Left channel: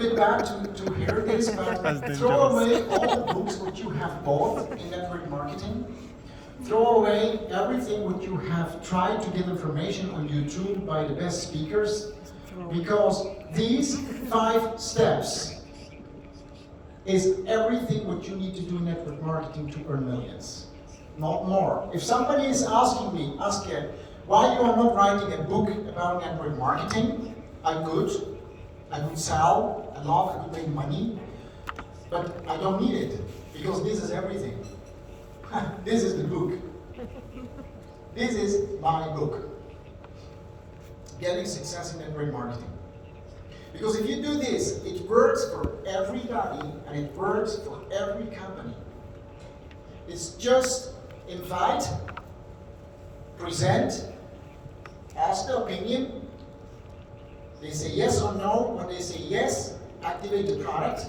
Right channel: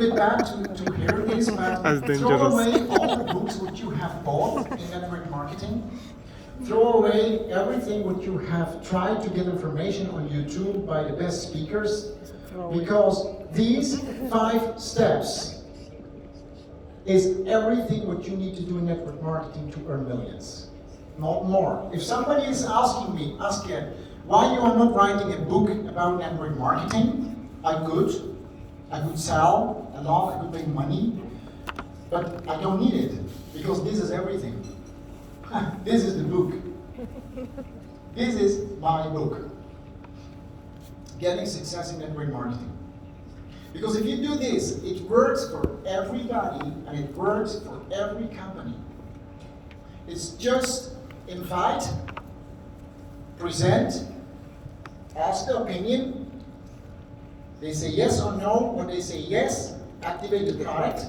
bit bad to hear this, but That's throw dangerous. away all the books which you have bought in network marketing. Throw away everything what you have tried to get information on YouTube by the best speakers, because these 5 steps is everything what you need to do in network marketing to earn millions, not more. If somebody is asking me, ask him, why you are not writing a book about network marketing? I could sell a lot, I could make money, but I don't need it, because this is everything. This is the book. This is my book. Getting success in network marketing. Because if you do this, it works for everybody and it works for every company. It's just invite, present, ask the opinion. They say yes or no. When they say yes, activate the product,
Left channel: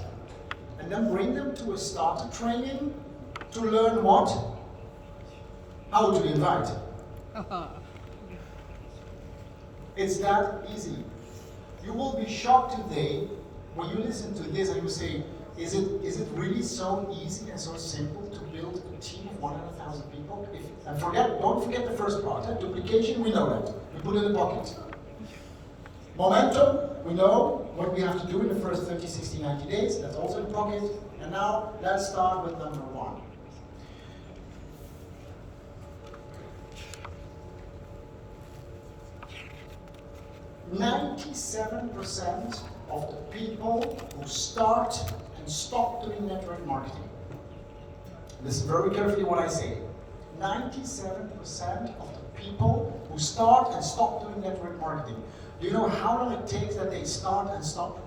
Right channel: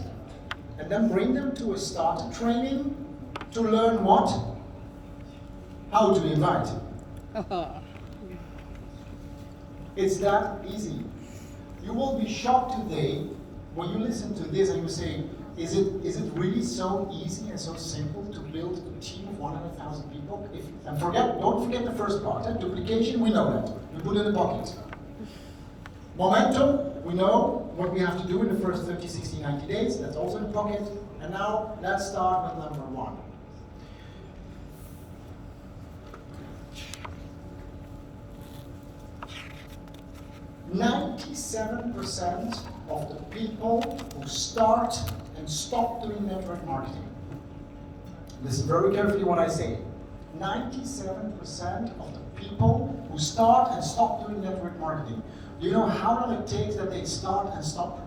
and then bring them to a starter training to learn what? How to invite. It's that easy. You will be shocked today when you listen to this and you say, is it really so easy and so simple to build a team of 100,000 people? Don't forget the first part. Duplication, we know that. We put it in the pocket. Momentum, we know what we have to do in the first 30, 60, 90 days. That's also in the pocket. And now, let's start with number 1. "97% of the people who start and stop doing network marketing." Listen very carefully what I say. 97% of the people who start and stop doing network marketing. Do you know how long it takes that they start and stop?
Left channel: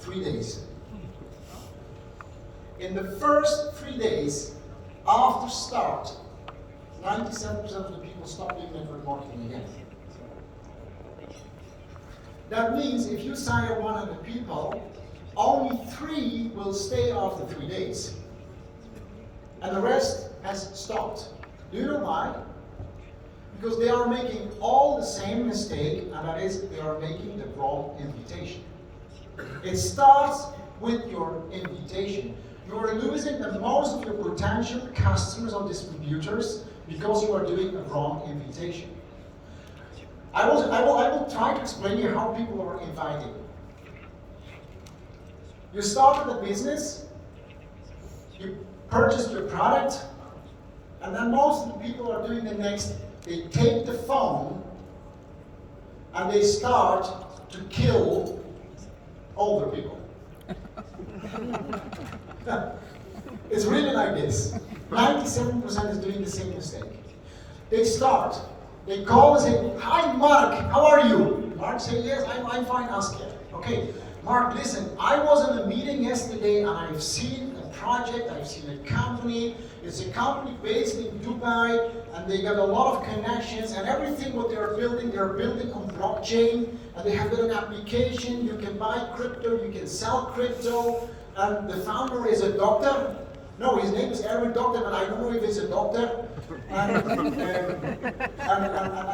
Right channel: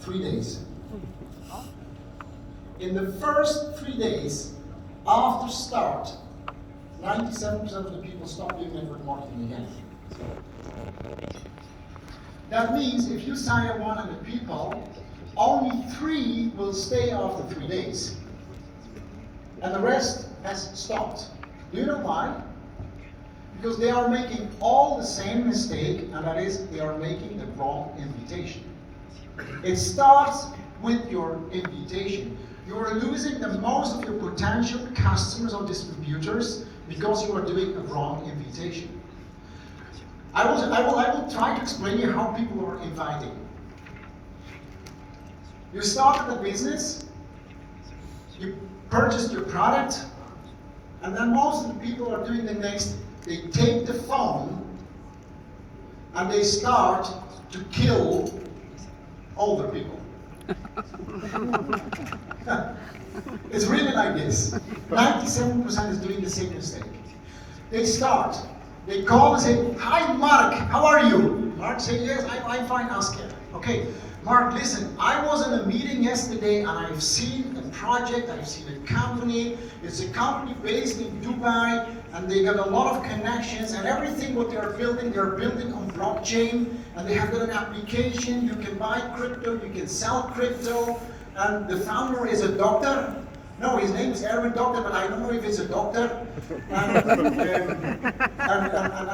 3 days. In the first 3 days after start, 97% of the people stop doing network marketing again. That means if you sign up 100 people, only 3 will stay after 3 days. And the rest has stopped. Do you know why? Because they are making all the same mistake, and that is they are making the wrong invitation. It starts with your invitation. You are losing the most of your potential customers or distributors because you are doing a wrong invitation. I will try to explain you how people are inviting. You started the business, you purchased your product, and then most of the people are doing the next. They take the phone and they start to kill all the people. It's really like this. 97% is doing the same mistake. They start, they call and say, "Hi Mark, how are you?" Mark says, "Yes, I'm fine, ask it." Okay, Mark, listen, I was in a meeting yesterday and I've seen a project, I've seen a company. It's a company based in Dubai and they got a lot of connections, and everything what they're building on blockchain, and they have got an application. You can buy crypto, you can sell crypto, and the founder is a doctor. No, his name is Aaron Doctor, but I don't know if it's a doctor. And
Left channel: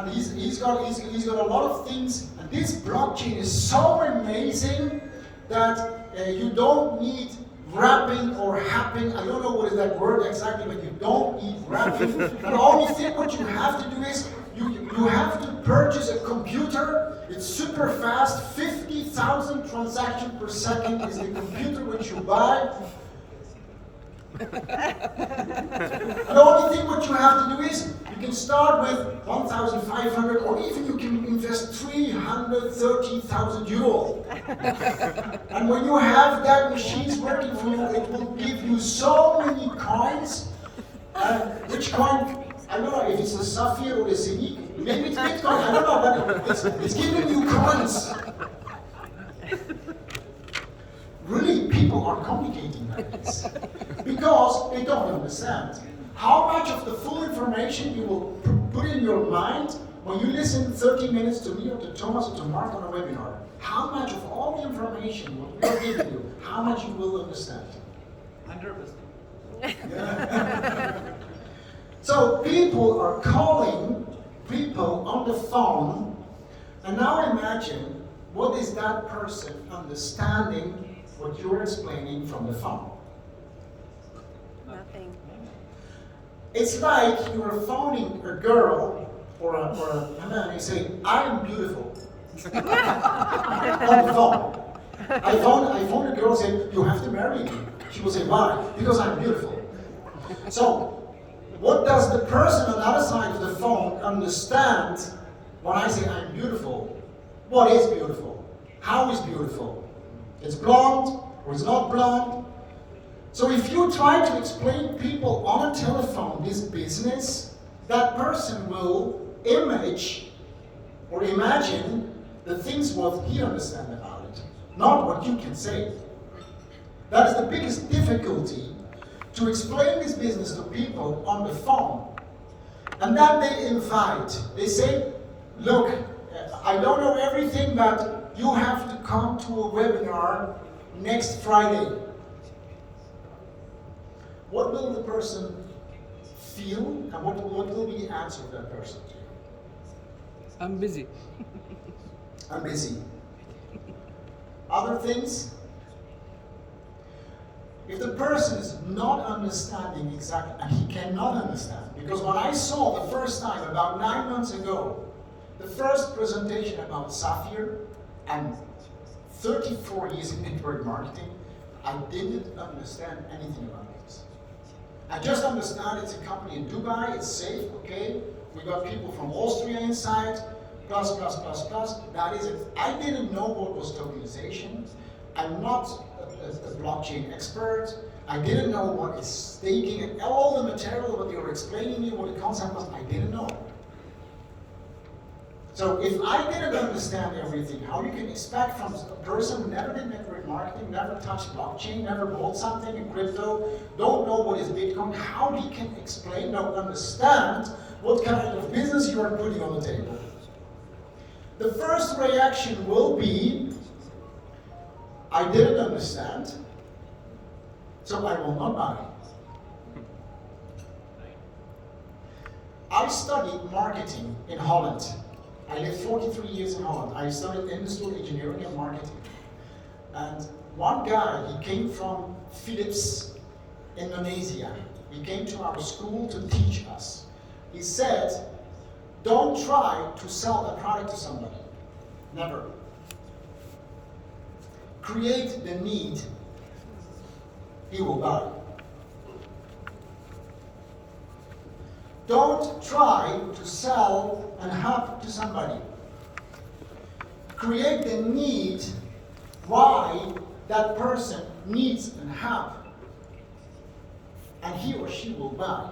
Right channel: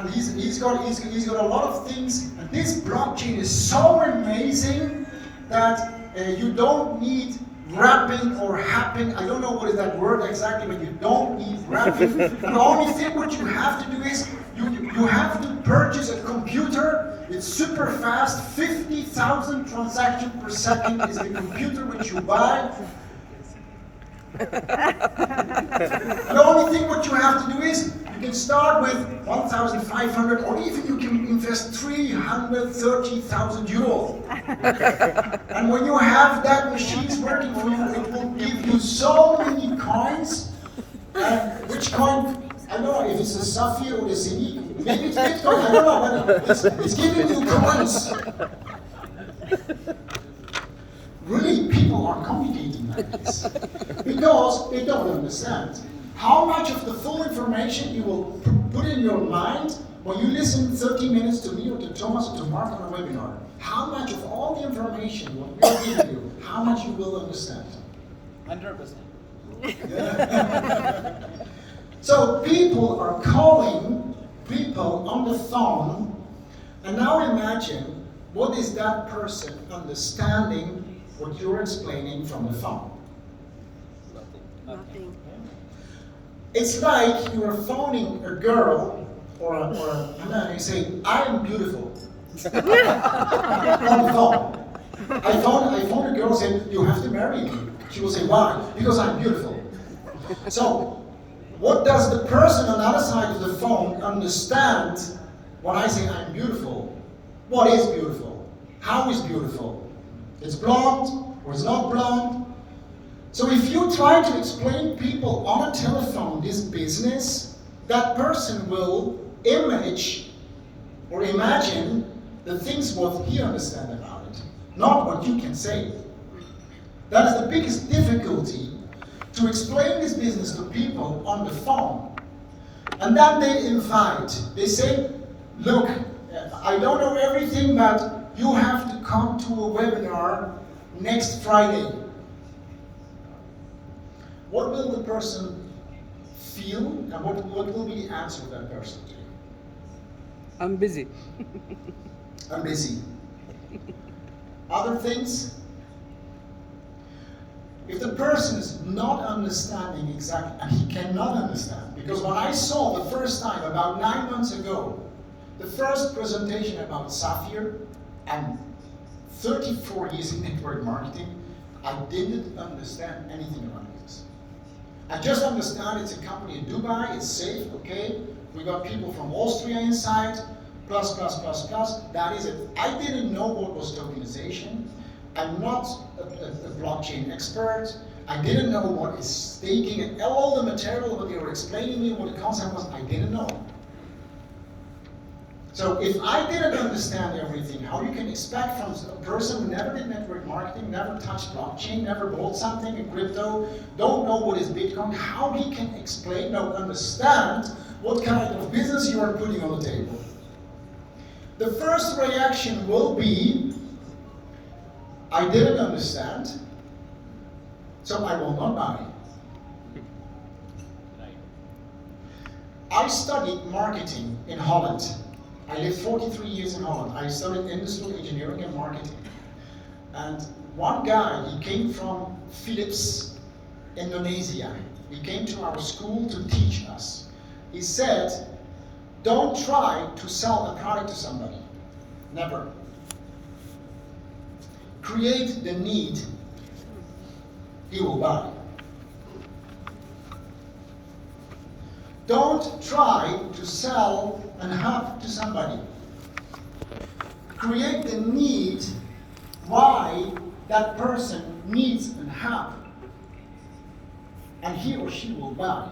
he's got a lot of things. And this blockchain is so amazing that you don't need wrapping or happen. I don't know what is that word exactly, but you don't need wrapping. The only thing what you have to do is you have to purchase a computer. It's super fast. 50,000 transactions per second is the computer which you buy. The only thing what you have to do is you can start with 1,500, or even you can invest 330,000 euro. And when you have that machines working for you, it will give you so many coins. Which coin? I don't know if it's a sapphire or a zinc. Maybe it's Bitcoin. I don't know, but it's giving you coins. Really, people are complicating like this because they don't understand how much of the full information you will put in your mind when you listen 30 minutes to me or to Thomas or to Mark on a webinar. How much of all the information what we are giving you, how much you will understand? 100%. Yeah. So people are calling people on the phone, and now imagine what is that person understanding what you're explaining from the phone? Nothing. It's like you are phoning a girl or a man and you say, I am beautiful. On the phone. I phone a girl and say, you have to marry me. She will say, why? Because I'm beautiful. So, what does the person on the other side of the phone understand when I say I'm beautiful? What is beautiful? How is beautiful? It's blonde or it's not blonde? So if you try to explain people on a telephone this business, that person will image or imagine the things what he understands about it, not what you can say. That is the biggest difficulty, to explain this business to people on the phone. And then they invite, they say, look, I don't know everything, but you have to come to a webinar next Friday. What will the person feel, and what will be the answer of that person? I'm busy. I'm busy. Other things? If the person is not understanding exactly, and he cannot understand, because when I saw the first time, about 9 months ago, the first presentation about Sapphire, and 34 years in network marketing, I didn't understand anything about it. I just understand it's a company in Dubai, it's safe, okay, we got people from Austria inside, plus, that is it. I didn't know what was tokenization. I'm not a blockchain expert. I didn't know what is staking, and all the material that they were explaining me, what the concept was, I didn't know. So if I didn't understand everything, how you can expect from a person who never did network marketing, never touched blockchain, never bought something in crypto, don't know what is Bitcoin, how he can explain, don't understand what kind of business you are putting on the table. The first reaction will be, I didn't understand, so I will not buy. I studied marketing in Holland. I lived 43 years in Holland. I studied industrial engineering and marketing. And one guy, he came from Philips, Indonesia. He came to our school to teach us. He said, don't try to sell a product to somebody. Never. Create the need. He will buy. Don't try to sell and help to somebody. Create the need why that person needs and help, and he or she will buy.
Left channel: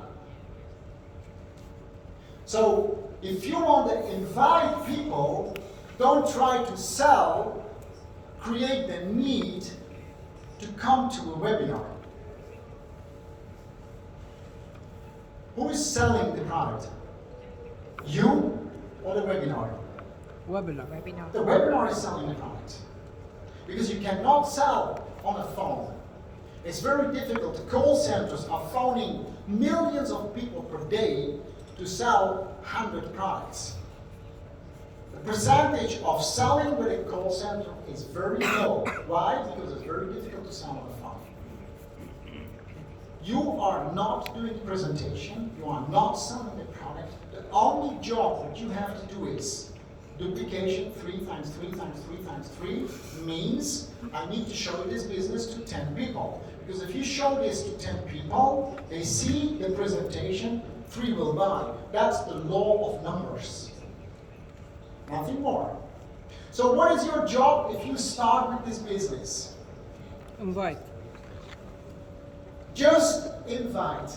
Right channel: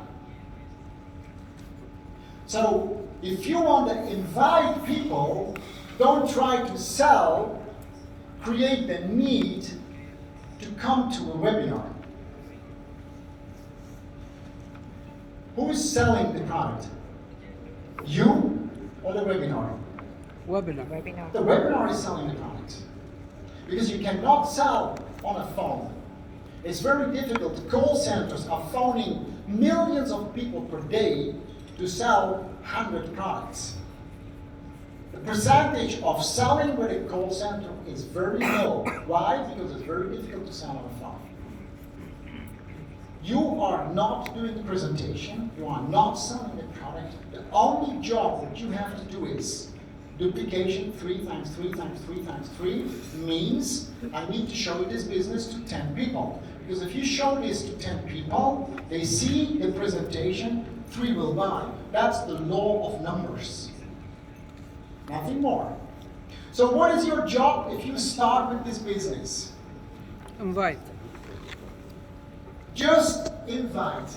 So if you want to invite people, don't try to sell, create the need to come to a webinar. Who is selling the product? You or the webinar? Webinar. The webinar is selling the product. Because you cannot sell on a phone. It's very difficult. Call centers are phoning millions of people per day to sell 100 products. The percentage of selling with a call center is very low. Why? Because it's very difficult to sell on a phone. You are not doing the presentation, you are not selling the product. The only job that you have to do is duplication 3 times 3 times 3 times 3 means I need to show this business to 10 people. Because if you show this to 10 people, they see the presentation, 3 will buy. That's the law of numbers. Nothing more. So what is your job if you start with this business? Invite. Just invite.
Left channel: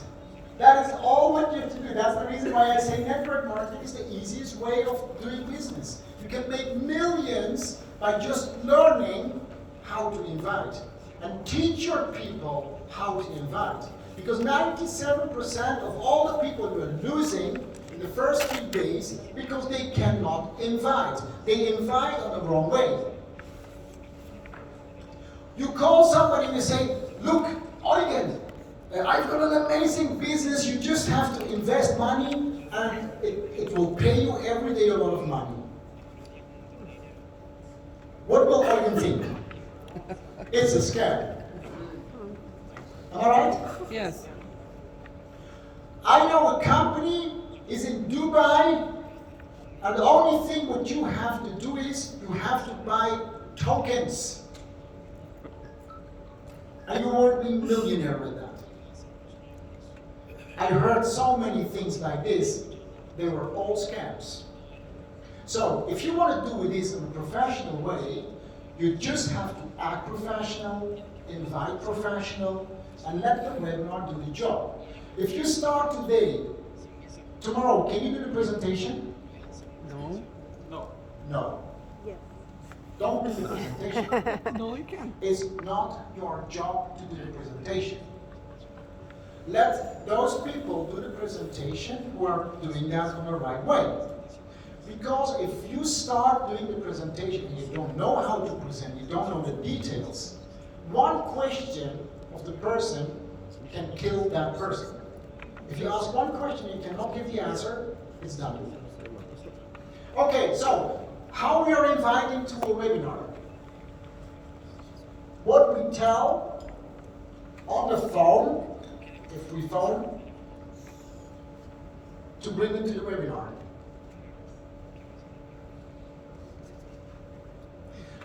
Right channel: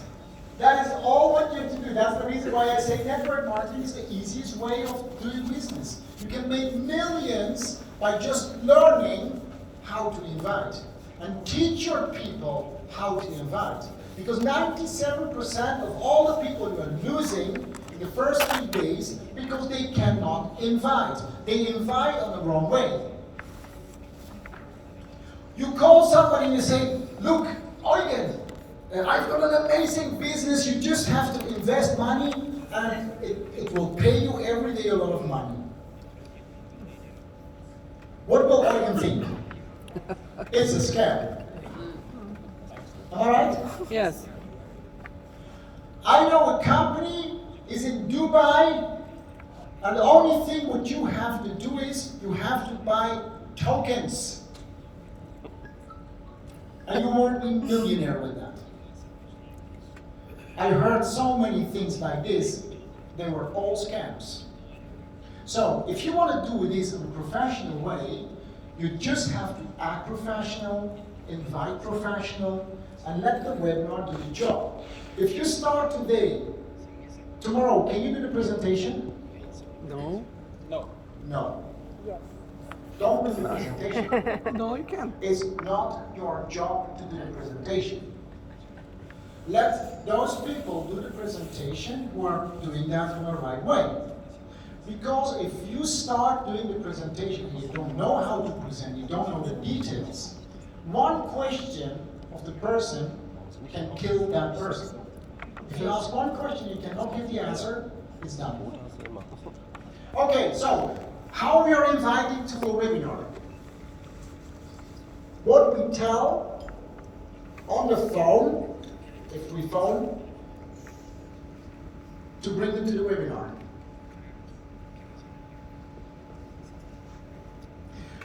That is all what you have to do. That's the reason why I say network marketing is the easiest way of doing business. You can make millions by just learning how to invite. And teach your people how to invite. Because 97% of all the people you are losing in the first 3 days because they cannot invite. They invite on the wrong way. You call somebody and you say, look, Eugen, I've got an amazing business, you just have to invest money and it will pay you every day a lot of money. It's a scam. Am I right? Yes. I know a company is in Dubai, and the only thing what you have to do is you have to buy tokens. And you won't be millionaire with that. I heard so many things like this. They were all scams. So if you want to do this in a professional way, you just have to act professional, invite professional, and let the webinar do the job. If you start today, tomorrow, can you do the presentation? No. No. Yes. Don't do the presentation. No, you can't. It's not your job to do the presentation. Let those people do the presentation who are doing that in the right way. Because if you start doing the presentation and you don't know how to present, you don't know the details, one question of the person can kill that person. If you ask one question and you cannot give the answer, it's done. Okay, so how we are inviting to the webinar? What we tell on the phone, if we phone, to bring them to the webinar.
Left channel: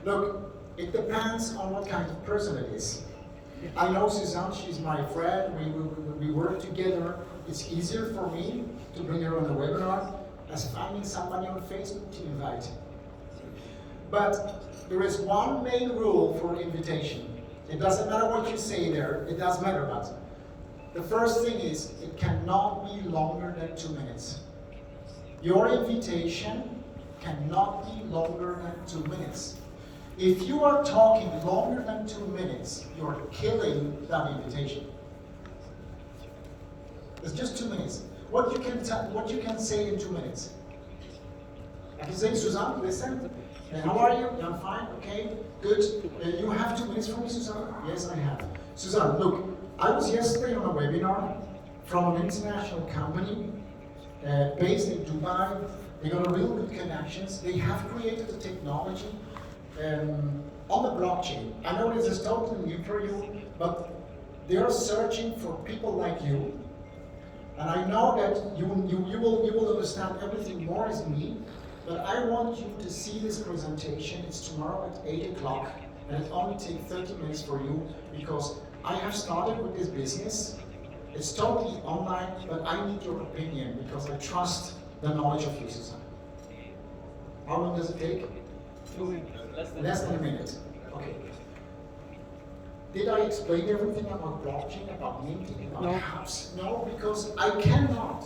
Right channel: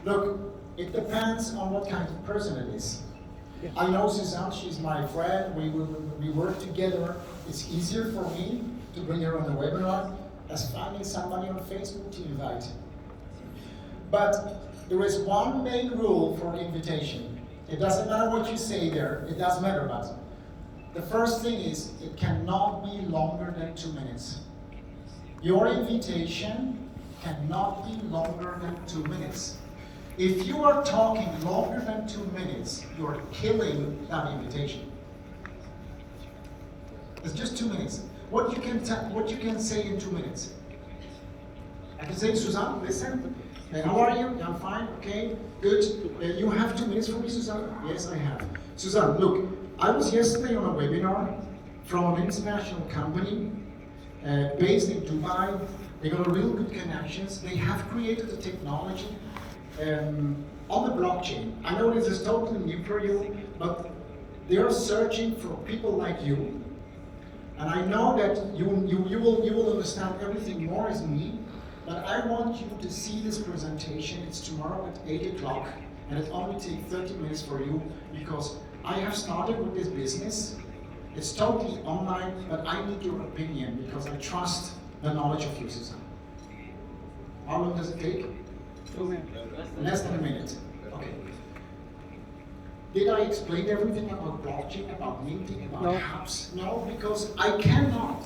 Look, it depends on what kind of person it is. Yeah. I know Suzanne, she's my friend, we work together. It's easier for me to bring her on the webinar as finding somebody on Facebook to invite. But there is one main rule for invitation. It doesn't matter what you say there, it doesn't matter, but the first thing is, it cannot be longer than 2 minutes. Your invitation cannot be longer than 2 minutes. If you are talking longer than 2 minutes, you're killing that invitation. It's just 2 minutes. What you can say in 2 minutes? I can say, Suzanne, listen. How are you? I'm fine. Okay, good. You have 2 minutes for me, Suzanne? Yes, I have. Suzanne, look, I was yesterday on a webinar from an international company based in Dubai. They got a real good connections. They have created a technology on the blockchain. I know this is totally new for you, but they are searching for people like you. And I know that you will understand everything more as me, but I want you to see this presentation. It's tomorrow at 8 o'clock, and it only takes 30 minutes for you, because I have started with this business. It's totally online, but I need your opinion, because I trust the knowledge of you, Suzanne. How long does it take? 2 minutes. Less than a minute. Okay. Did I explain everything about blockchain, about minting, about No. apps? No, because I cannot.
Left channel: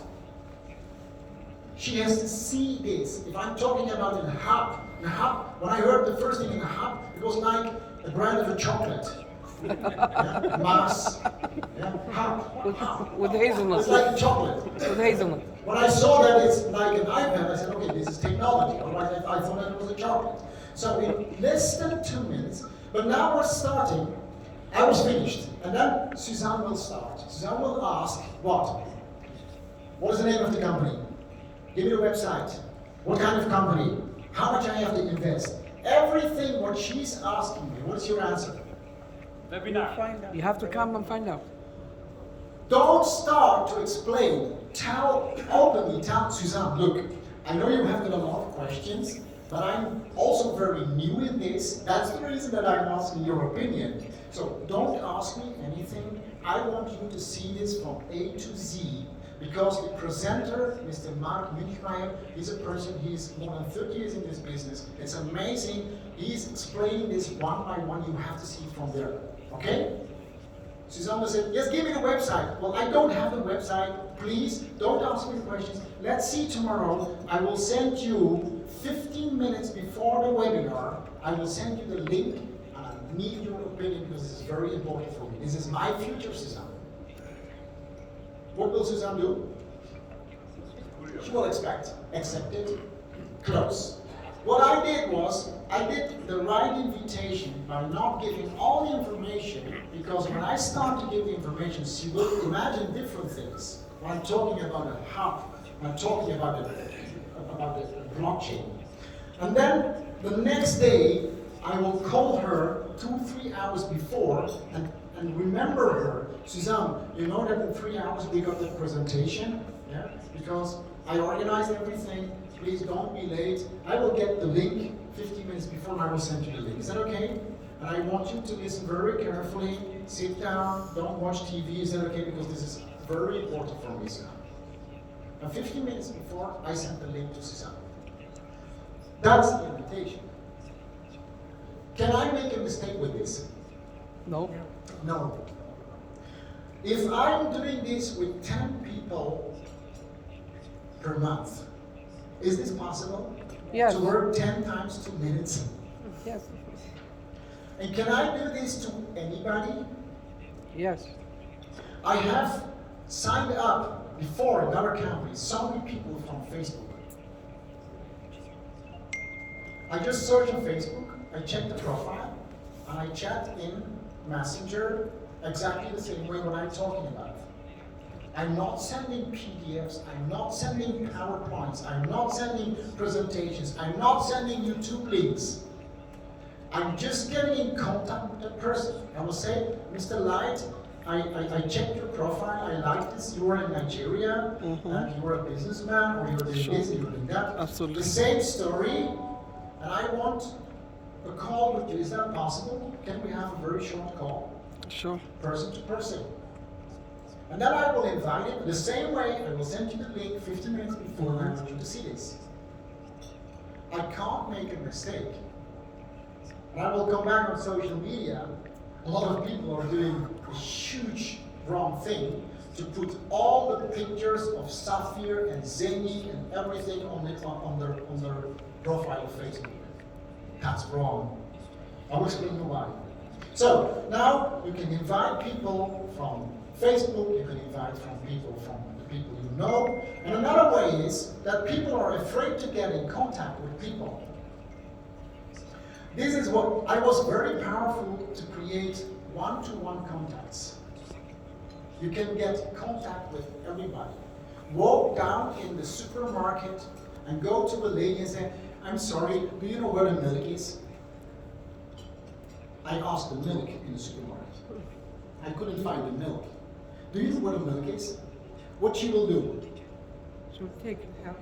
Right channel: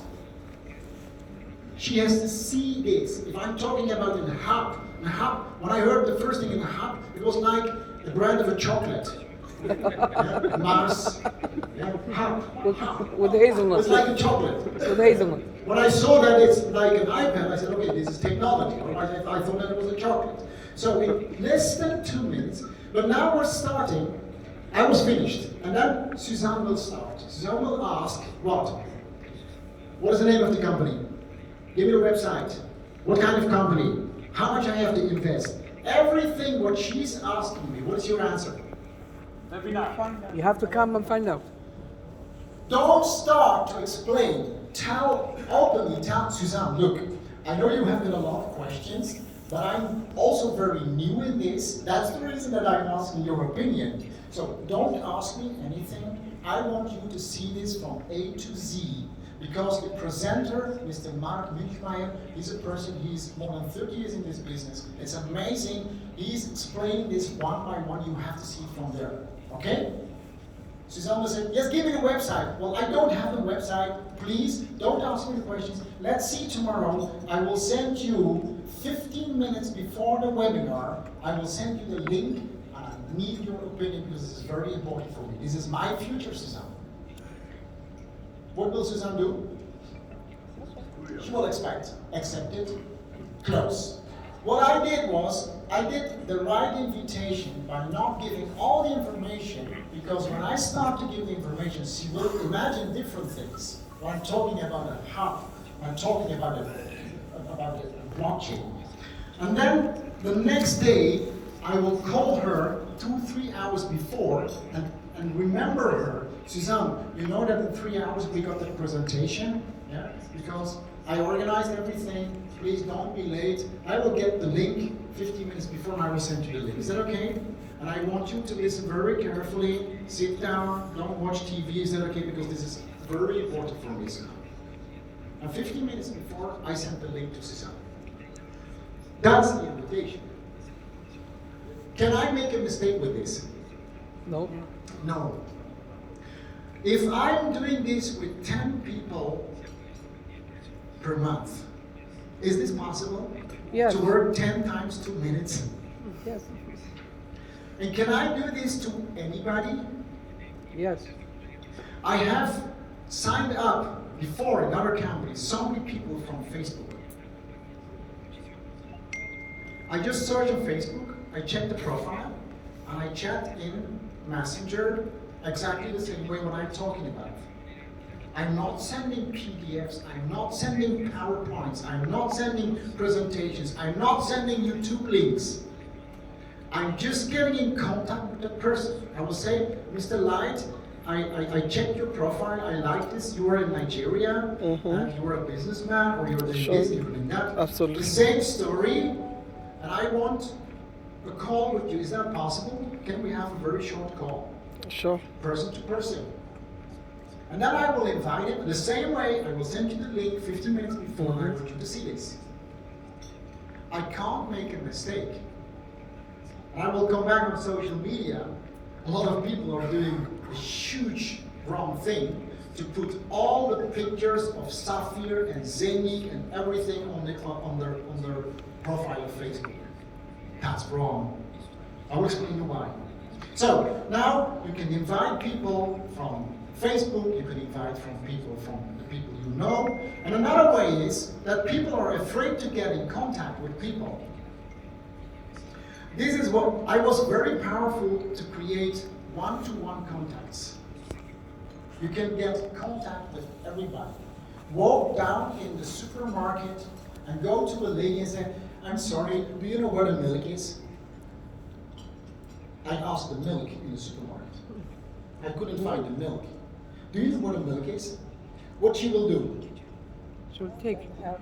She has to see this. If I'm talking about in a hub, when I heard the first thing in a hub, it was like the brand of a chocolate. Mars. Hub. With hazelnut. It's like a chocolate. With hazelnut. When I saw that it's like an iPad, I said, okay, this is technology. Otherwise, I thought that it was a chocolate. So in less than 2 minutes, but now we're starting. I was finished, and then Suzanne will start. Suzanne will ask, what? What is the name of the company? Give me a website. What kind of company? How much I have to invest? Everything what she's asking me, what's your answer? You have to come and find out. Don't start to explain. Openly tell Suzanne, look, I know you have got a lot of questions, but I'm also very new in this. That's the reason that I'm asking your opinion. So don't ask me anything. I want you to see this from A to Z, because the presenter, Mr. Mark Münchmeyer, is a person, he's more than 30 years in this business. It's amazing. He's explaining this one by one. You have to see from there. Okay? Suzanne will say, yes, give me the website. Well, I don't have a website. Please, don't ask me the questions. Let's see tomorrow. I will send you 15 minutes before the webinar. I will send you the link. I need your opinion, because this is very important for me. This is my future, Suzanne. What will Suzanne do? She will accept it, close. What I did was, I did the right invitation by not giving all the information, because when I start to give the information, she will imagine different things. When I'm talking about a hub, when I'm talking about a blockchain. And then the next day, I will call her 2-3 hours before and remember her. Suzanne, you know that in 3 hours we got the presentation? Yeah? Because I organized everything. Please don't be late. I will get the link 15 minutes before and I will send you the link. Is that okay? And I want you to listen very carefully. Sit down. Don't watch TV. Is that okay? Because this is very important for me, Suzanne. And 15 minutes before, I sent the link to Suzanne. That's the invitation. Can I make a mistake with this? No. No. If I'm doing this with 10 people per month, is this possible? Yes. To work 10 times 2 minutes? Yes. And can I do this to anybody? Yes. I have signed up before in other companies, so many people from Facebook. I just search on Facebook, I check the profile, and I chat in Messenger exactly the same way what I'm talking about. I'm not sending PDFs, I'm not sending PowerPoints, I'm not sending presentations, I'm not sending YouTube links. I'm just getting in contact with the person. I will say, Mr. Light, I checked your profile, I like this, you are in Nigeria, you are a businessman, or you're doing this, you're doing that. Absolutely. The same story, and I want a call with you. Is that possible? Can we have a very short call? Sure. Person to person. And then I will invite it the same way. I will send you the link 15 minutes before I want you to see this. I can't make a mistake. And I will come back on social media. A lot of people are doing a huge wrong thing to put all the pictures of Safir and Zeni and everything on their profile of Facebook. That's wrong. I'll explain you why. So now you can invite people from Facebook, you can invite from people you know. And another way is that people are afraid to get in contact with people. This is what I was very powerful to create one-to-one contacts. You can get contact with everybody. Walk down in the supermarket and go to a lady and say, I'm sorry, do you know where the milk is? I asked the milk in the supermarket. I couldn't find the milk. Do you know where the milk is? What she will do? So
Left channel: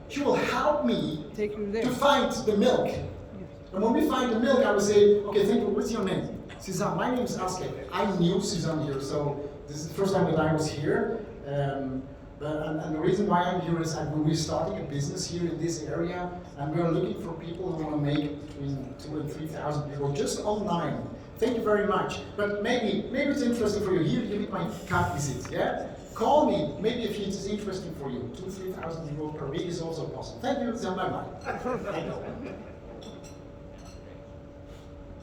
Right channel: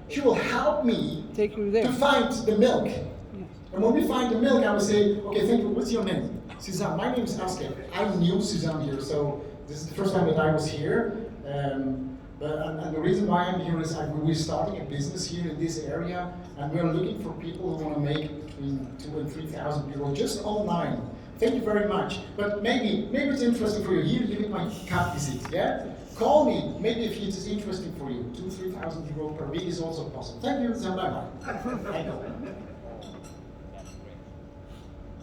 She will help me take you there. to find the milk. Yes. And when we find the milk, I will say, okay, thank you. What's your name? Suzanne. My name is Aske. I'm new Suzanne here, so this is the first time that I was here. And the reason why I'm here is we're starting a business here in this area, and we're looking for people who want to make between 2,000 and 3,000 people just online. Thank you very much. But maybe it's interesting for you. Here, you get my card visit, yeah? Call me, maybe if it is interesting for you. 2,000-3,000 euros per week is also possible. Thank you, bye-bye. Thank you.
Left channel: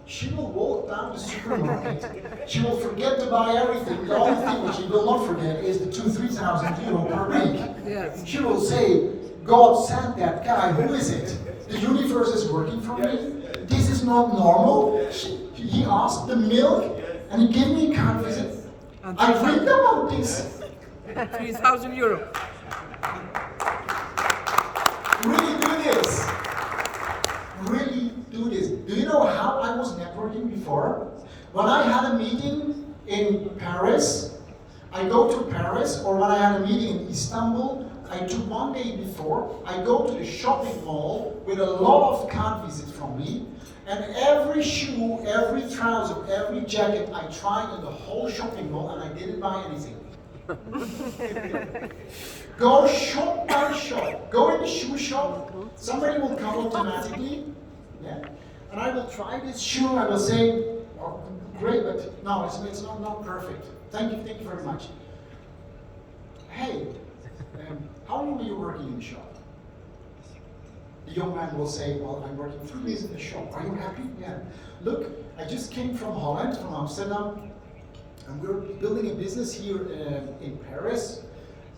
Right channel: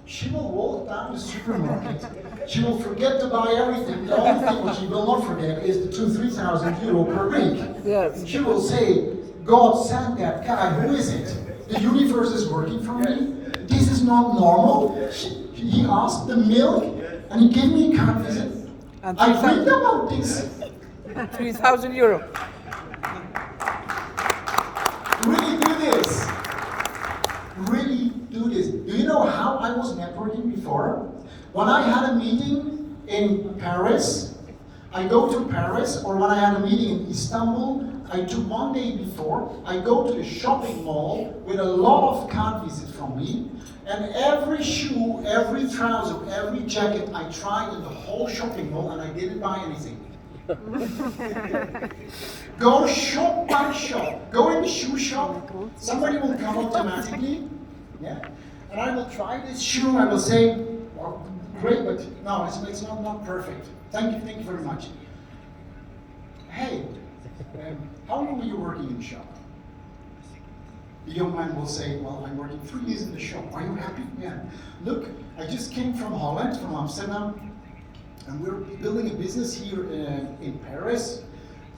She will walk down the supermarket. She will forget to buy everything. The only thing which she will not forget is the 2,000-3,000 euro per week. Yes. She will say, God sent that guy. Who is it? The universe is working for me. This is not normal. He asked the milk, and he gave me a card visit. And I read about this. 3,000 euro. Really do this. Really do this. Do you know how I was networking before? When I had a meeting in Paris, I go to Paris, or when I had a meeting in Istanbul, I took one day before, I go to the shopping mall with a lot of card visits from me, and every shoe, every trouser, every jacket I tried in the whole shopping mall, and I didn't buy anything. Go shop by shop. Go in the shoe shop. Somebody will come automatically. Yeah? And I will try this shoe. I will say, well, great, but no, it's not perfect. Thank you very much. Hey, how long are you working in the shop? The young man will say, well, I'm working 3 years in the shop. Are you happy? Yeah. Look, I just came from Holland, from Amsterdam, and we're building a business here in Paris,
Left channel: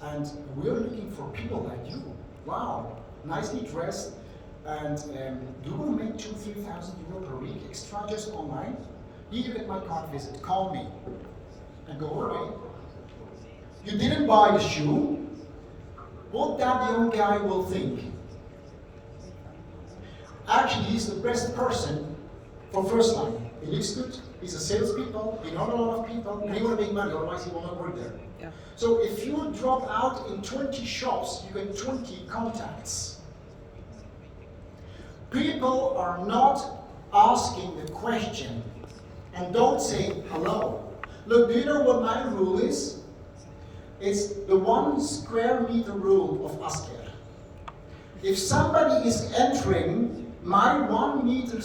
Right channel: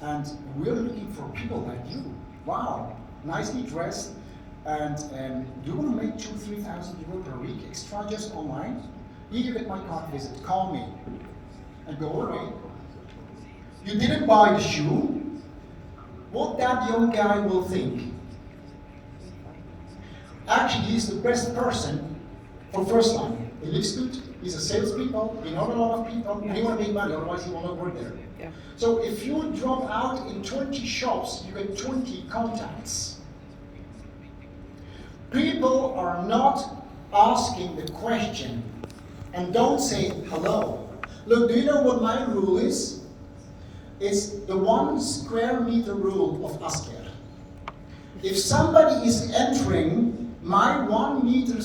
and we're looking for people like you. Wow, nicely dressed, and do you want to make 2,000-3,000 euro per week extra just online? Here you get my card visit, call me, and go away. You didn't buy the shoe, what that young guy will think? Actually, he's the best person for first line. He lives good, he's a salespeople, he knows a lot of people, and he Yes. want to make money, otherwise he will not work there. Yeah. So if you drop out in 20 shops, you get 20 contacts. People are not asking the question and don't say hello. Look, do you know what my rule is? It's the 1 square meter rule of Asker. If somebody is entering my 1 meter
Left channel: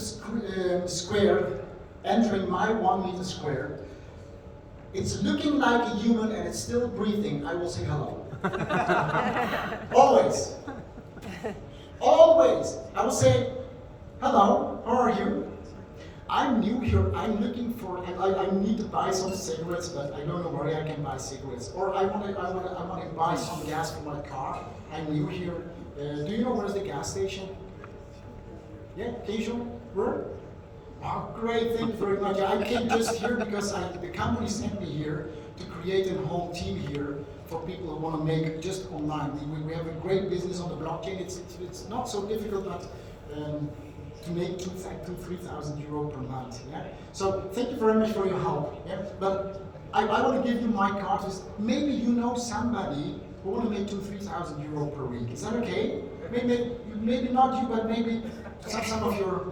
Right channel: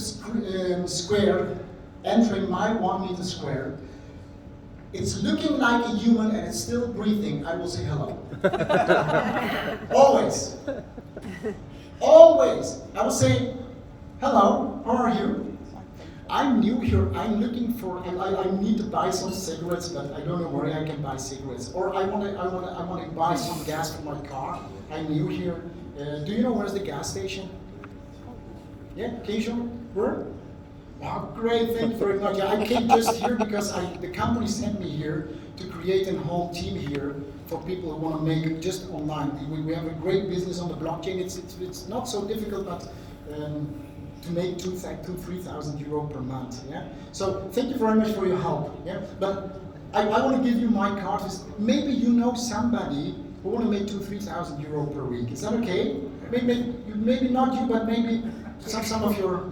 square, entering my 1 meter square, it's looking like a human and it's still breathing, I will say hello. Always. Always. I will say, hello, how are you? I'm new here, I'm looking for, I need to buy some cigarettes, but I don't know where I can buy cigarettes. Or I want to buy some gas for my car. I'm new here. Do you know where's the gas station? Yeah, can you show me? Where? Wow, great, thank you very much. I came just here because the company sent me here to create a whole team here for people who want to make it just online. We have a great business on the blockchain. It's not so difficult, but to make 3,000 euro per month. Yeah. So thank you very much for your help. Yeah. But I want to give you my card. Maybe you know somebody who want to make 3,000 euro per week. Is that okay? Maybe not you, but maybe some of your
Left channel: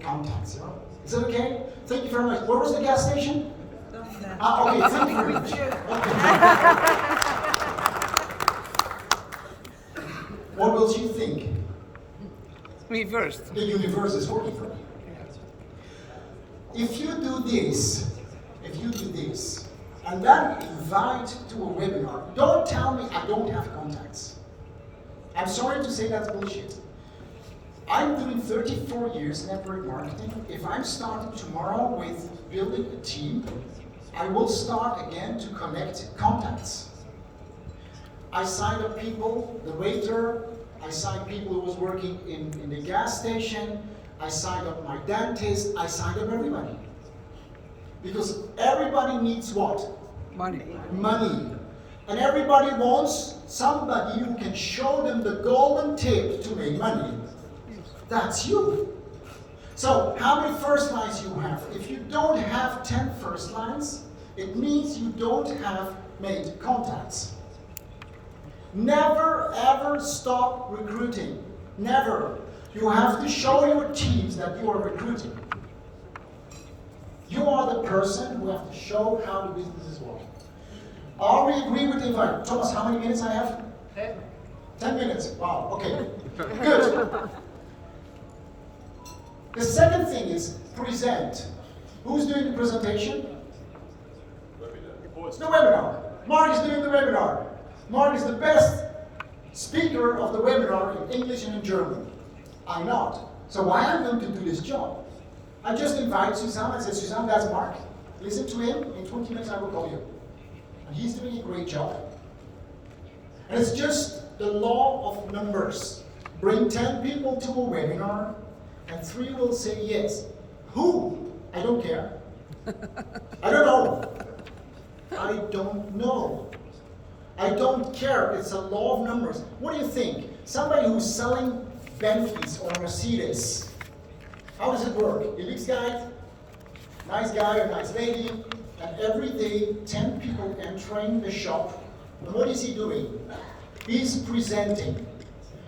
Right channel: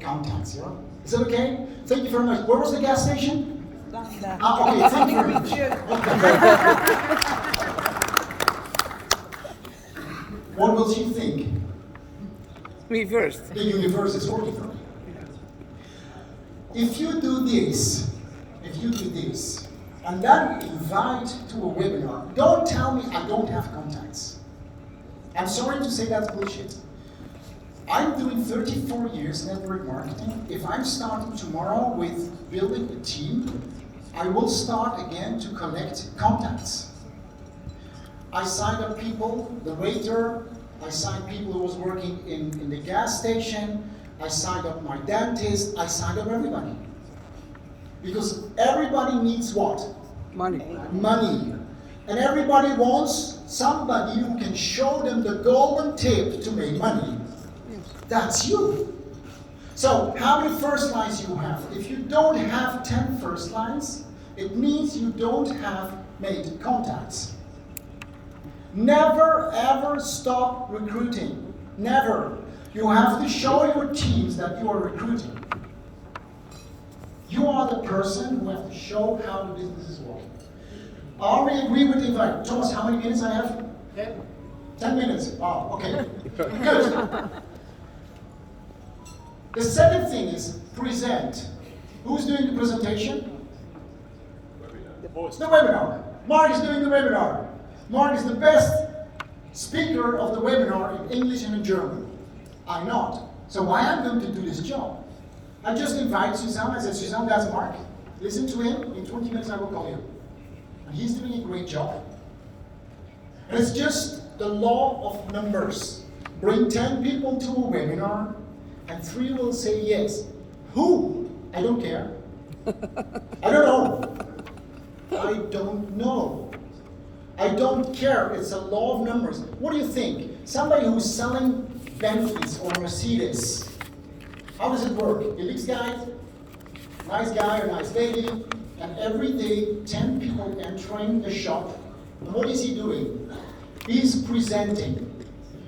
contacts. Yeah. Is that okay? Thank you very much. Where was the gas station? Okay. Thank you very much. Okay. What will she think? Me first. The universe is working for me. If you do this, and then invite to a webinar, don't tell me I don't have contacts. I'm sorry to say that's bullshit. I'm doing 34 years network marketing. If I'm starting tomorrow with building a team, I will start again to collect contacts. I signed up people, the waiter, I signed people who was working in the gas station, I signed up my dentist, I signed up everybody. Because everybody needs what? Money. Money. And everybody wants somebody who can show them the golden tip to make money. Yes. That's you. So, how many first lines you have? If you don't have 10 first lines, it means you don't have made contacts. Never ever stop recruiting. Never. You have to show your teams that you are recruiting. You are the person who have to show how the business is working. Are we agree with the invite? Thomas, how many minutes I have? 10. 10 minutes. Wow, okay. Good. The second thing is present. Who's doing the presentation? The webinar. Mark is doing the webinar. Mark is the best speaker of the webinar in English and in German. I'm not. So why I'm going to do this job? I just invite Suzanne. I said, Suzanne, that's Mark. Listen to him. In 20 minutes I will call you. And he's doing a great job. And it's just the law of numbers. Bring 10 people to a webinar, and 3 will say yes. Who? I don't care. I don't know. I don't know. I don't care. It's a law of numbers. What do you think? Somebody who's selling Bentleys or Mercedes, how does it work? He leaves guy, nice guy or nice lady, and every day 10 people entering the shop. And what is he doing? He's presenting.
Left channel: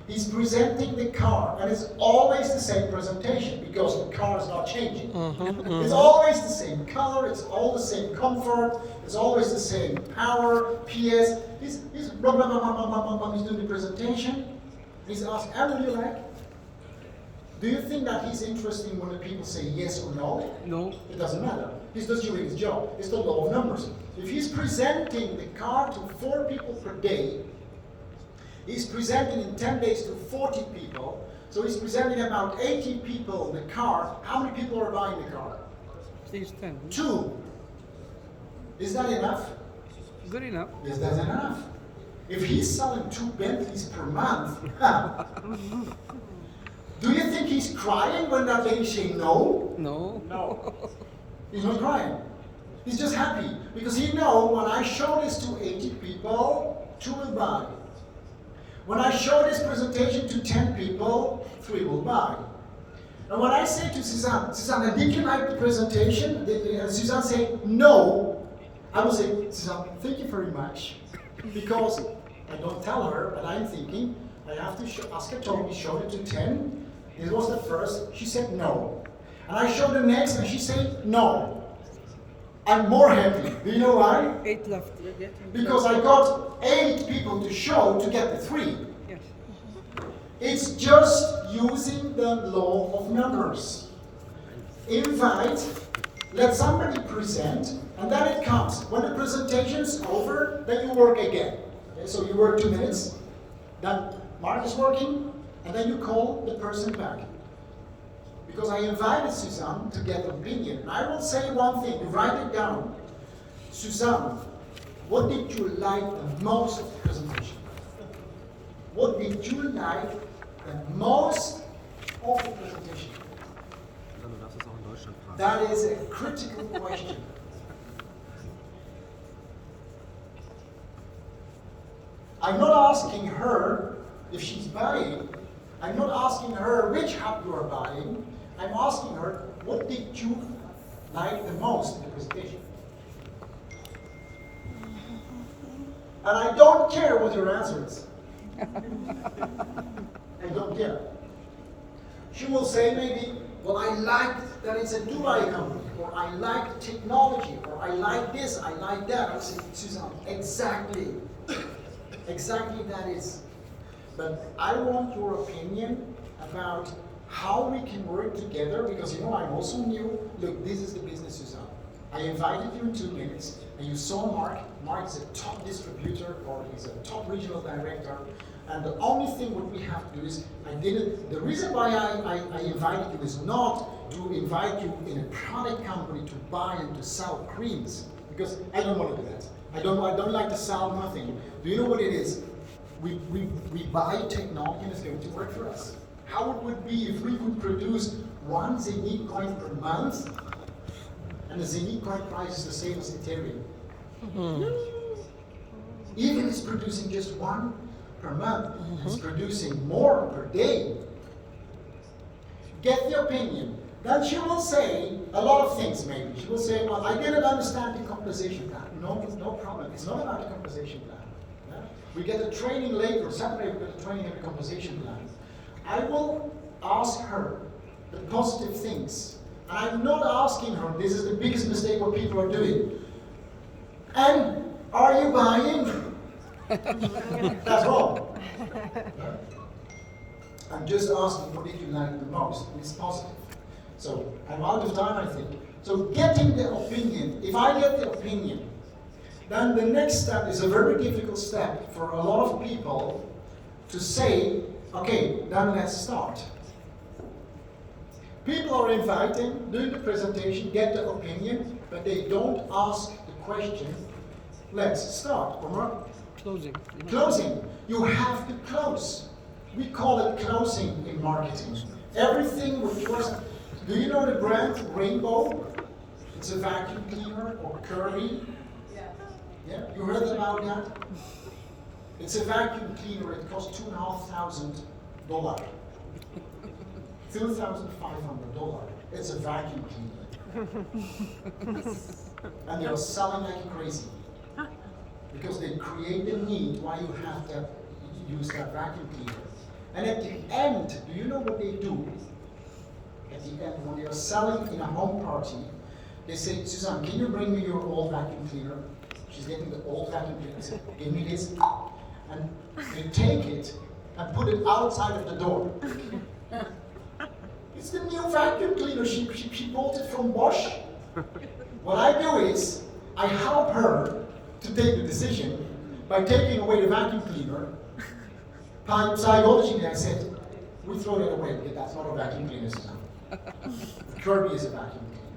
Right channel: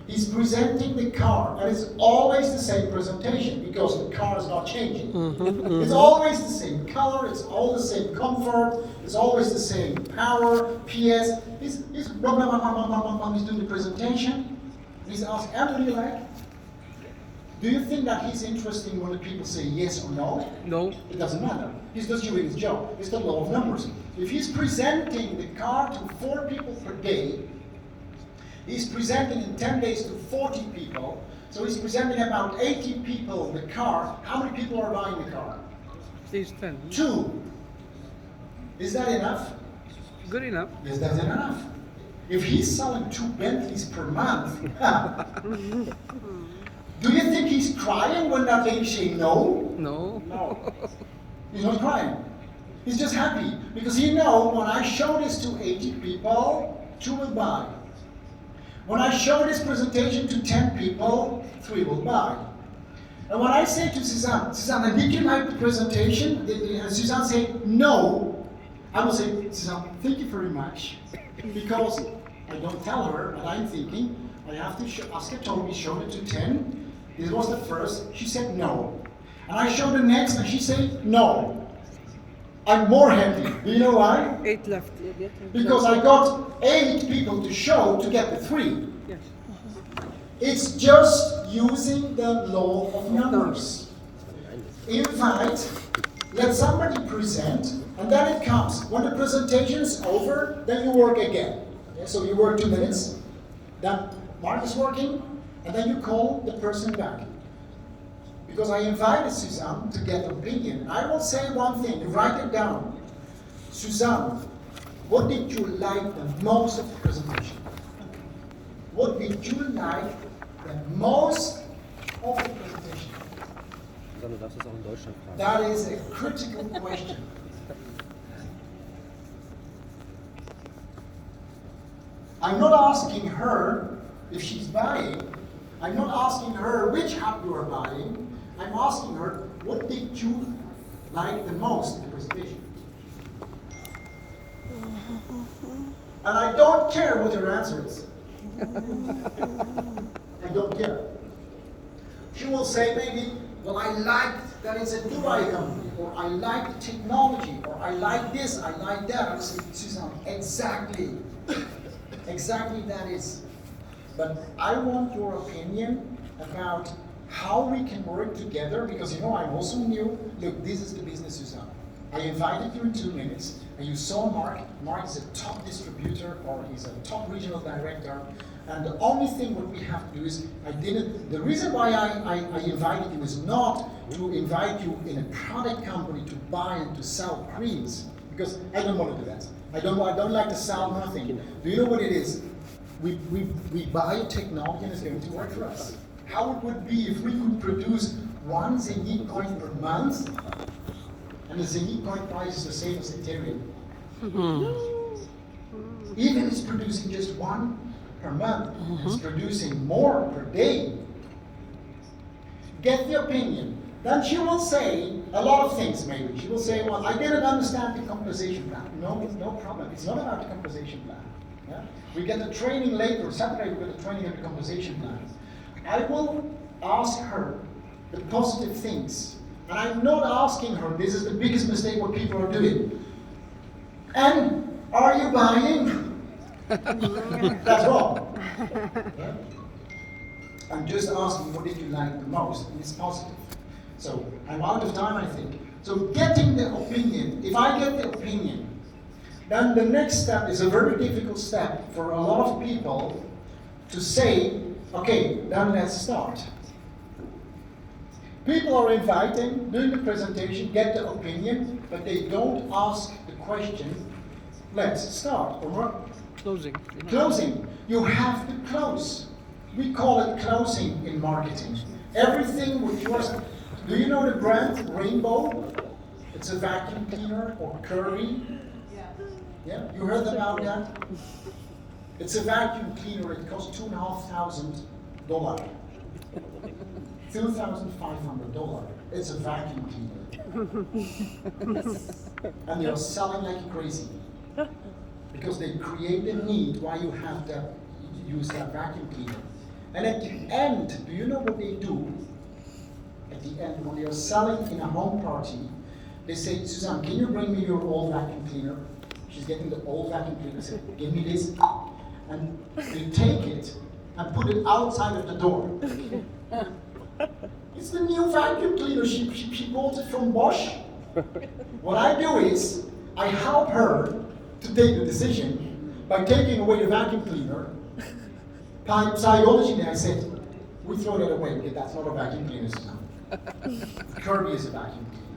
He's presenting the car, and it's always the same presentation because the car is not changing. It's always the same color, it's all the same comfort, it's always the same power, PS. He's blah, blah, blah, blah, blah, blah, blah. He's doing the presentation. He's asking, how do you like? Do you think that he's interested when the people say yes or no? No. It doesn't matter. He's just doing his job. It's the law of numbers. If he's presenting the car to 4 people per day, he's presenting in 10 days to 40 people, so he's presenting about 80 people the car. How many people are buying the car? Please 10. 2. Is that enough? Good enough. Yes, that's enough. If he's selling 2 Bentleys per month, do you think he's crying when that lady say no? No. No. He's not crying. He's just happy because he knows when I show this to 80 people, 2 will buy. When I show this presentation to 10 people, 3 will buy. And when I say to Suzanne, did you like the presentation? And Suzanne say, no. I will say, Suzanne, thank you very much. Because I don't tell her that I'm thinking, I have to ask her, told me, show it to 10. This was the first, she said no. And I showed the next, and she said no. I'm more happy. Do you know why? 8 left. Because I got 8 people to show to get the 3. Yes. It's just using the law of numbers. Invite, let somebody present, and then it comes. When the presentation is over, then you work again. Okay, so you work 2 minutes, then Mark is working, and then you call the person back. Because I invited Suzanne to get opinion. I will say one thing, write it down. Suzanne, what did you like the most of the presentation? What did you like the most of the presentation? Susanne, du darfst es auch in Deutschland fragen. That is a critical question. I'm not asking her if she's buying. I'm not asking her which hub you are buying. I'm asking her, what did you like the most in the presentation? And I don't care what your answer is. I don't care. She will say maybe, well, I like that it's a Dubai company, or I like the technology, or I like this, I like that. I will say, Suzanne, exactly. Exactly that is. But I want your opinion about how we can work together, because you know I'm also new. Look, this is the business, Suzanne. I invited you in 2 minutes, and you saw Mark. Mark is a top distributor, or he's a top regional director. And the only thing what we have to do is, the reason why I invited you is not to invite you in a product company to buy and to sell creams, because I don't want to do that. I don't like to sell nothing. Do you know what it is? We buy technology and it's going to work for us. How it would be if we could produce 1 Zenit coin per month, and the Zenit coin price is the same as Ethereum. Even it's producing just 1 per month, it's producing more per day. Get the opinion. Then she will say a lot of things maybe. She will say, well, I didn't understand the compensation plan. No problem. It's not about the compensation plan. Yeah? We get a training later, Saturday we get a training on the compensation plan. I will ask her the positive things. And I'm not asking her, this is the biggest mistake what people are doing. And are you buying? That's wrong. Yeah? I'm just asking what did you like the most, and it's positive. So I'm out of time, I think. So getting the opinion, if I get the opinion, then the next step is a very difficult step for a lot of people to say, okay, then let's start. People are inviting, doing the presentation, get the opinion, but they don't ask the question, let's start, or not? Closing. Closing. You have to close. We call it closing in marketing. Everything which was, do you know the brand Rainbow? It's a vacuum cleaner, or Curry. Yeah, you heard about that? It's a vacuum cleaner, it costs $2,500. $2,500. It's a vacuum cleaner. And they are selling like crazy. Because they create the need why you have to use that vacuum cleaner. And at the end, do you know what they do? At the end, when they are selling in a home party, they say, Suzanne, can you bring me your old vacuum cleaner? She's getting the old vacuum cleaner. I said, give me this. And you take it and put it outside of the door. It's the new vacuum cleaner. She bought it from Bosch. What I do is, I help her to take the decision by taking away the vacuum cleaner. By psychology, I said, we throw that away because that's not a vacuum cleaner. Kirby is a vacuum cleaner.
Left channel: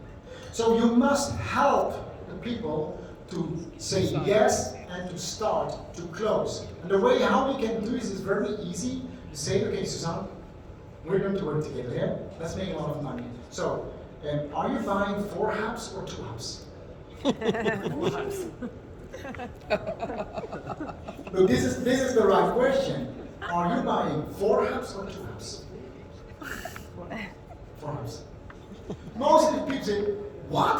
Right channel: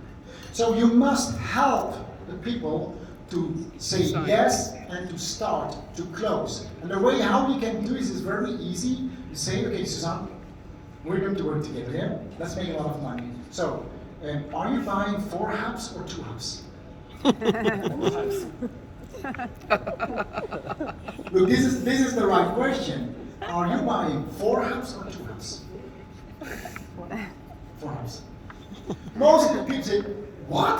So you must help the people to say yes and to start to close. And the way how we can do this is very easy. You say, okay, Suzanne, we're going to work together, yeah? Let's make a lot of money. So, are you buying 4 hubs or 2 hubs? 4 hubs. Look, this is the right question. Are you buying 4 hubs or 2 hubs? 4 hubs. Most of the people say, what?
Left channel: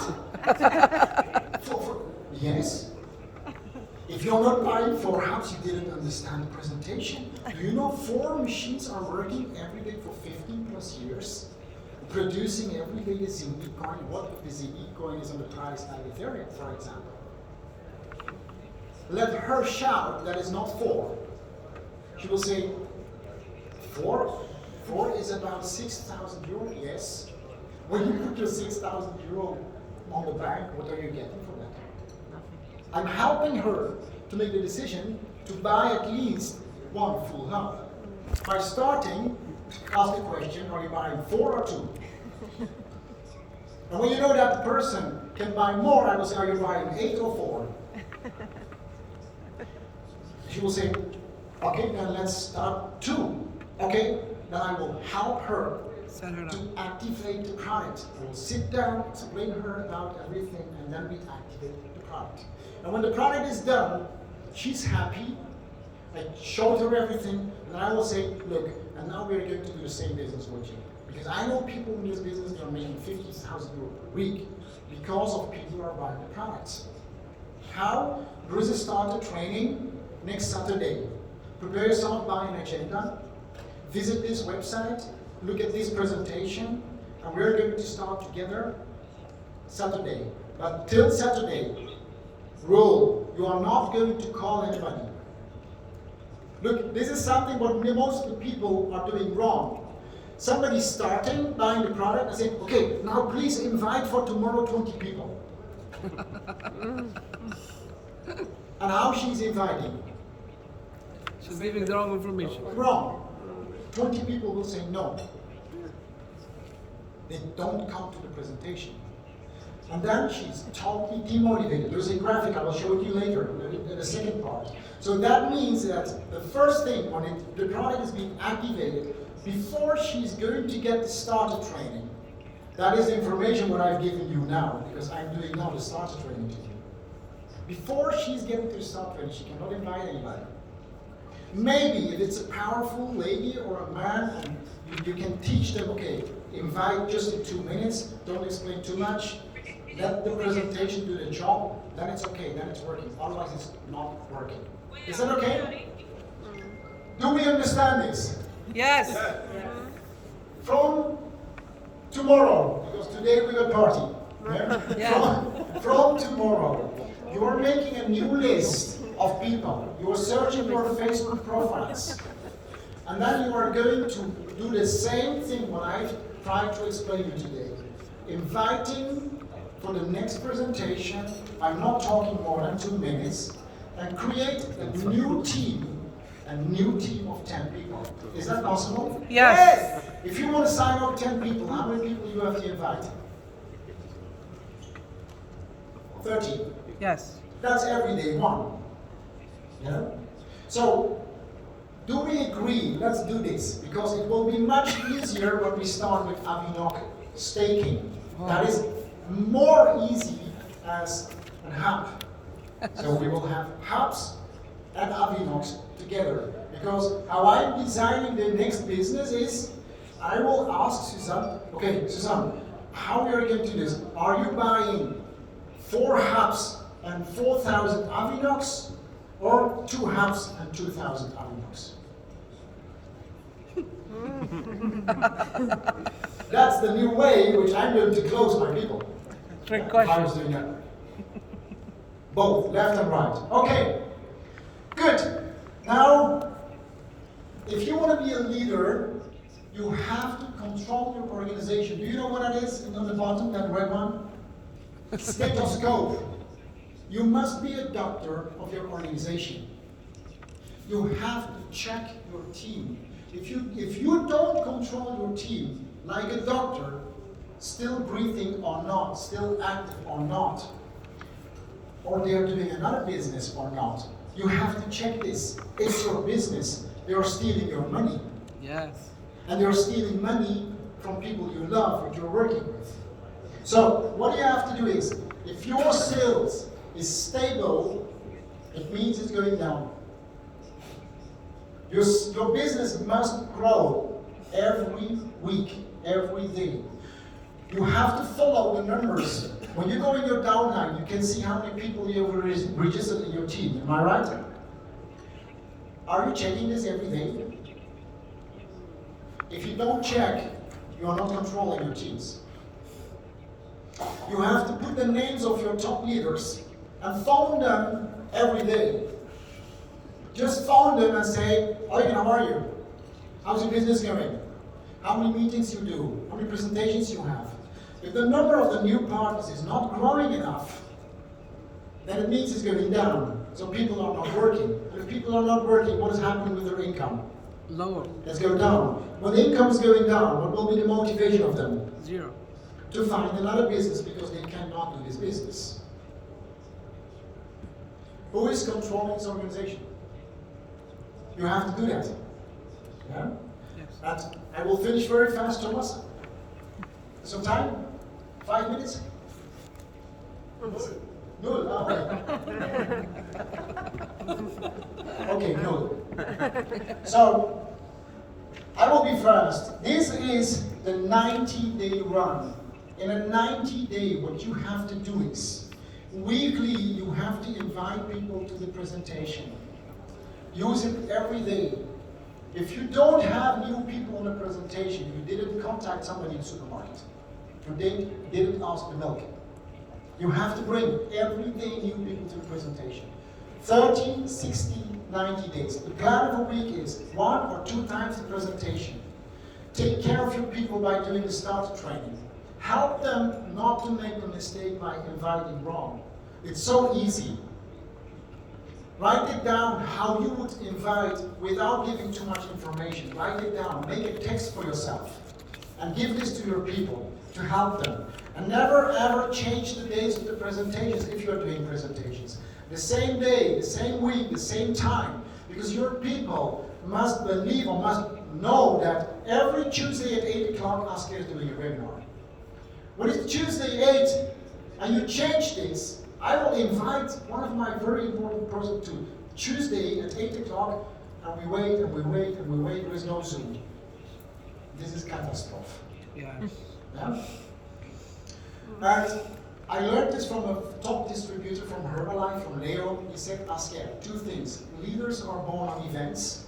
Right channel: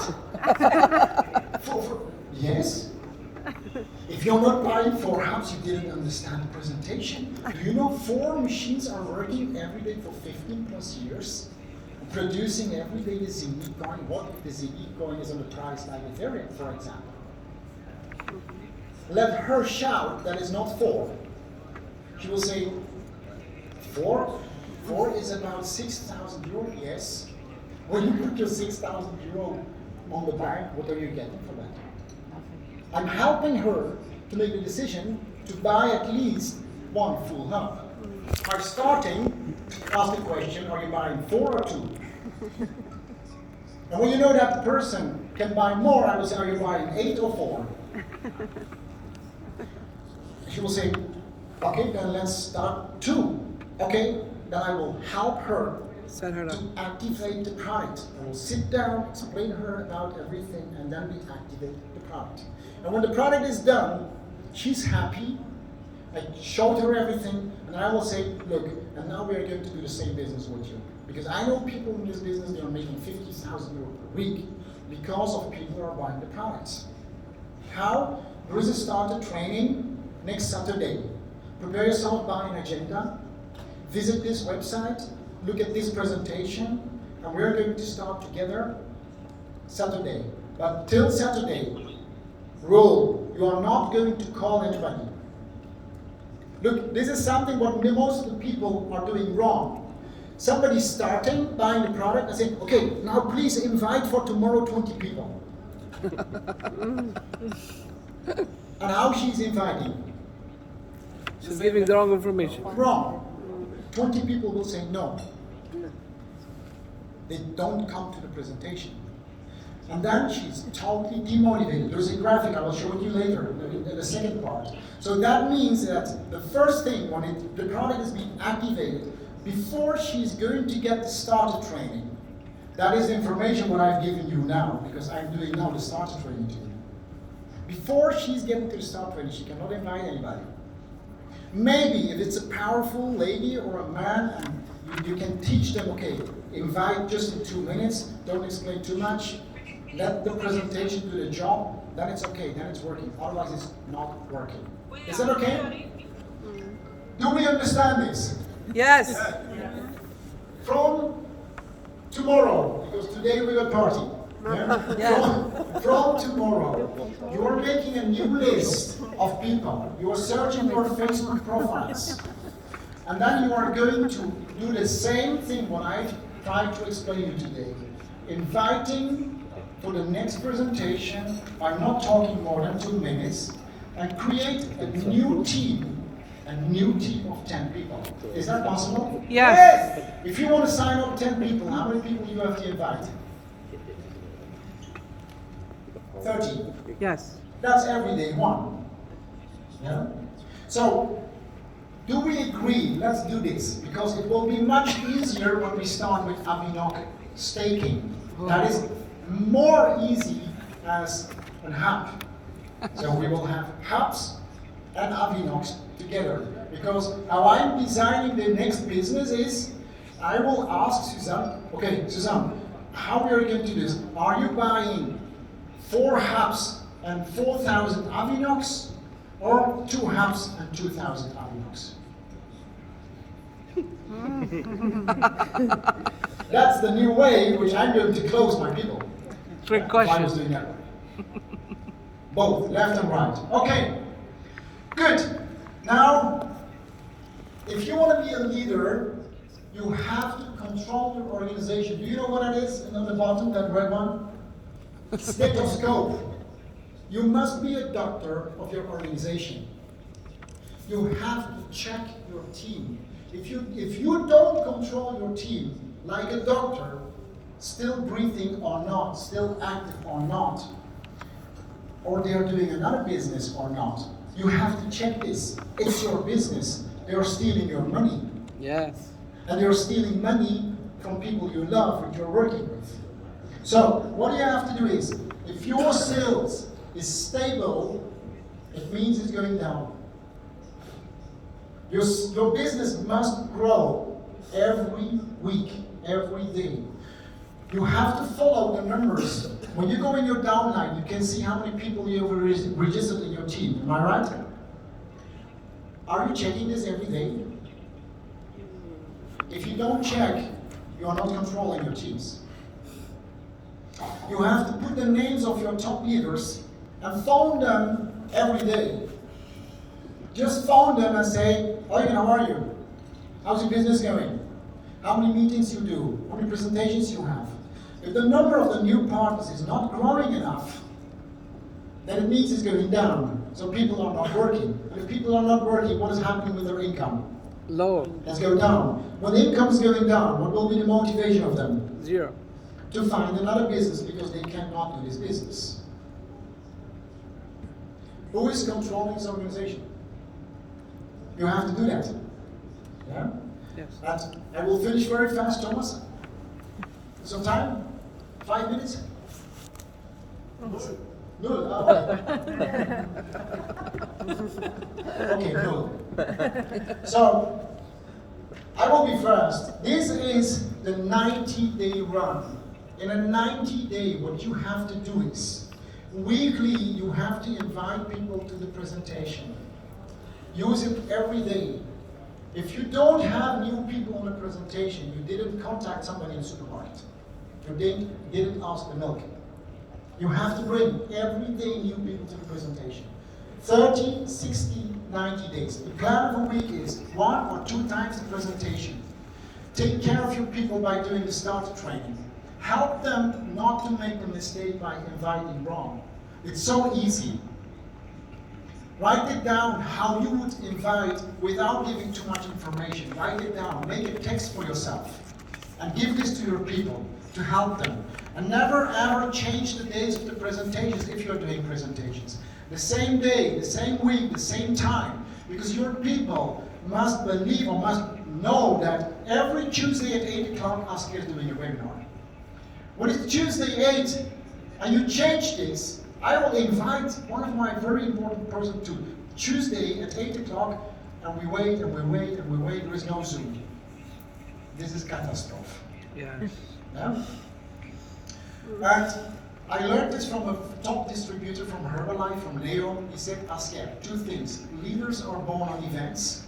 Yes. If you're not buying 4 hubs, you didn't understand the presentation. Do you know 4 machines are working every day for 15 plus years, producing every day the ZE coin? What if the ZE coin is on the price like Ethereum, for example? Let her shout that is not 4. She will say, 4? 4 is about 6,000 euro, yes. When you put your 6,000 euro on the bank, what are you getting for that? I'm helping her to make the decision to buy at least 1 full hub. By starting, ask the question, are you buying 4 or 2? And when you know that the person can buy more, I will say, are you buying 8 or 4? She will say, okay, then let's start 2. Okay, then I will help her to activate the product. I will sit down, explain to her about everything, and then we activate the product. And when the product is done, she's happy. I showed her everything, and I will say, look, and now we are going to do the same business with you. Because I know people in this business that are making 50,000 euros per week because of people who are buying the products. How? There is a starter training next Saturday. Prepare yourself, buy an agenda, visit this website, look at this presentation, and we're going to start together Saturday. But till Saturday, rule, you are not going to call anybody. Look, this is something what most of the people are doing wrong. Somebody's starting, buying the product, and saying, okay, now please invite for tomorrow 20 people. And how she's inviting? She's giving the wrong information. Wrong. 20 people will say no. They don't come to the presentation. And then she's totally demotivated. There's a graphic I will show you later in the second part. So that means that the first thing when the product is being activated, before she's going to get the starter training, that is information what I've given you now, because I'm doing now the starter training to you. Before she's getting to the starter training, she cannot invite anybody. Maybe if it's a powerful lady or a man, and you can teach them, okay, invite just in 2 minutes, don't explain too much, let the presentation do the job, then it's okay, then it's working. Otherwise it's not working. Is that okay? Do we understand this? Yes. From tomorrow, because today we will party. Yeah? Yes. From tomorrow, you are making a new list of people. You are searching your Facebook profiles. And then you are going to do the same thing what I've tried to explain to you today. Inviting for the next presentation, I'm not talking more than 2 minutes, and create a new team of 10 people. Is that possible? Yes. If you want to sign up 10 people, how many people do you have to invite? 30. Yes. That's every day 1. Yeah? So, do we agree? Let's do this, because it will be much easier when we start with Avinok staking. That is more easy as a hub. So we will have hubs and Avinoks together. Because how I'm designing the next business is, I will ask Suzanne, okay, Suzanne, how are you going to do this? Are you buying 4 hubs and 4,000 Avinoks, or 2 hubs and 2,000 Avinoks? That's the new way which I'm going to close my people. Trick I was question. doing that. Both, left and right. Okay, good. Now, if you want to be a leader, you have to control your organization. Do you know what that is on the bottom, that red one? Stethoscope. You must be a doctor of your organization. You have to check your team. If you don't control your team, like a doctor, still breathing or not, still active or not, or they're doing another business or not, you have to check this. It's your business. They are stealing your money. Yes. And they're stealing money from people you love, which you're working with. So what you have to do is, if your sales is stable, it means it's going down. Your business must grow every week, every day. You have to follow the numbers. When you go in your downline, you can see how many people you have registered in your team. Am I right? Are you checking this every day? If you don't check, you are not controlling your teams. You have to put the names of your top leaders and phone them every day. Just phone them and say, "Eugen, how are you? How's your business going? How many meetings you do? How many presentations you have?" If the number of the new partners is not growing enough, then it means it's going down. So people are not working. And if people are not working, what is happening with their income? Low. Let's go down. When the income is going down, what will be the motivation of them? 0. To find another business because they cannot do this business. Who is controlling this organization? You have to do that. Yeah? Yes. But I will finish very fast, Thomas. Some time? 5 minutes? Good. Okay. Okay, good. So, I will be first. This is the 90-day run. In a 90-day, what you have to do is, weekly, you have to invite people to the presentation. Use it every day. If you don't have new people on the presentation, you didn't contact somebody in the supermarket. You didn't ask the milk. You have to bring every day new people to the presentation. 30, 60, 90 days. The plan of a week is 1 or 2 times the presentation. Take care of your people by doing the starter training. Help them not to make a mistake by inviting wrong. It's so easy. Write it down how you would invite without giving too much information. Write it down. Make a text for yourself. And give this to your people to help them. And never ever change the days of the presentations if you're doing presentations. The same day, the same week, the same time. Because your people must believe or must know that every Tuesday at 8 o'clock, Asker is doing a webinar. When it's Tuesday 8 and you change this, I will invite one of my very important persons to Tuesday at 8 o'clock, and we wait and we wait and we wait. There is no Zoom. This is catastrophe. Yes. Yeah? But I learned this from a top distributor from Herbalife, from Leo. He said, Asker, 2 things. Leaders are born on events.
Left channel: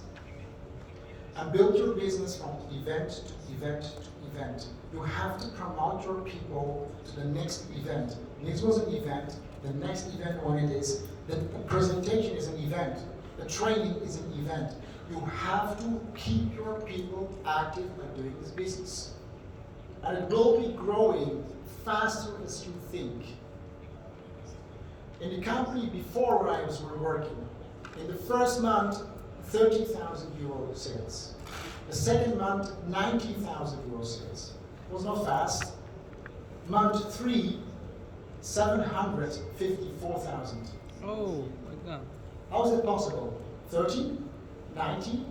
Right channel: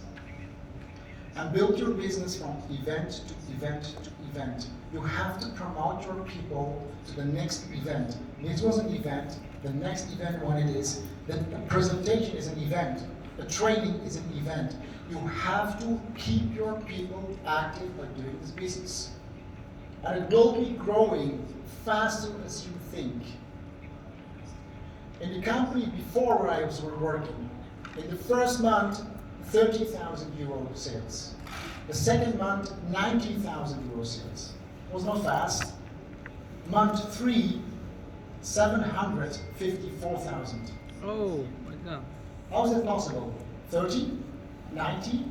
And build your business from event to event to event. You have to promote your people to the next event. This was an event. The next event, when it is, the presentation is an event. The training is an event. You have to keep your people active by doing this business. And it will be growing faster as you think. In the company before where I was working, in the first month, 30,000 euro sales. The second month, 19,000 euro sales. It was not fast. Month 3, 754,000. Oh my God. How is it possible? 30, 90,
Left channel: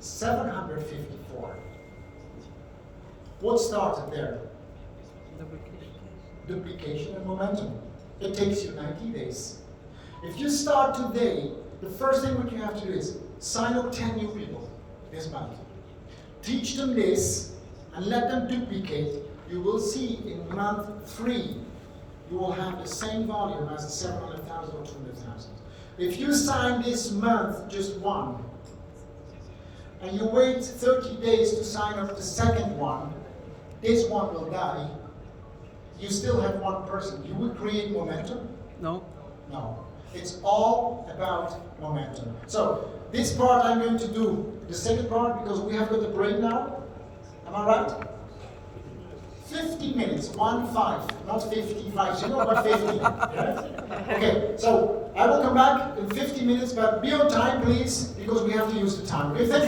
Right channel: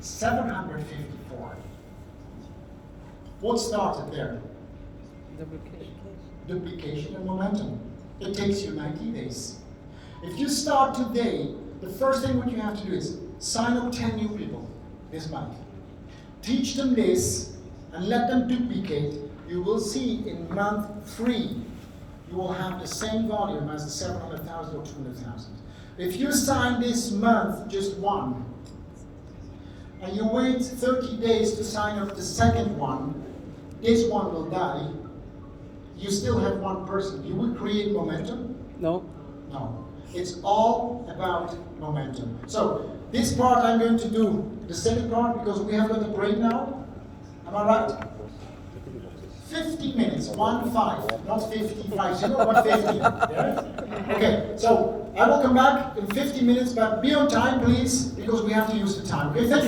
754. What started there? Duplication. Duplication and momentum. It takes you 90 days. If you start today, the first thing what you have to do is sign up 10 new people this month. Teach them this and let them duplicate. You will see in month 3, you will have the same volume as the 700,000 or 200,000. If you sign this month just 1, and you wait 30 days to sign up the second one, this one will die. You still have 1 person. You will create momentum? No. No. It's all about momentum. So, this part I'm going to do, the second part, because we have got a break now. Am I right? 50 minutes, 1-5, not 55, 0 but 50. Yeah? Okay, so I will come back in 50 minutes, but be on time, please, because we have to use the time. Okay, thank you very much.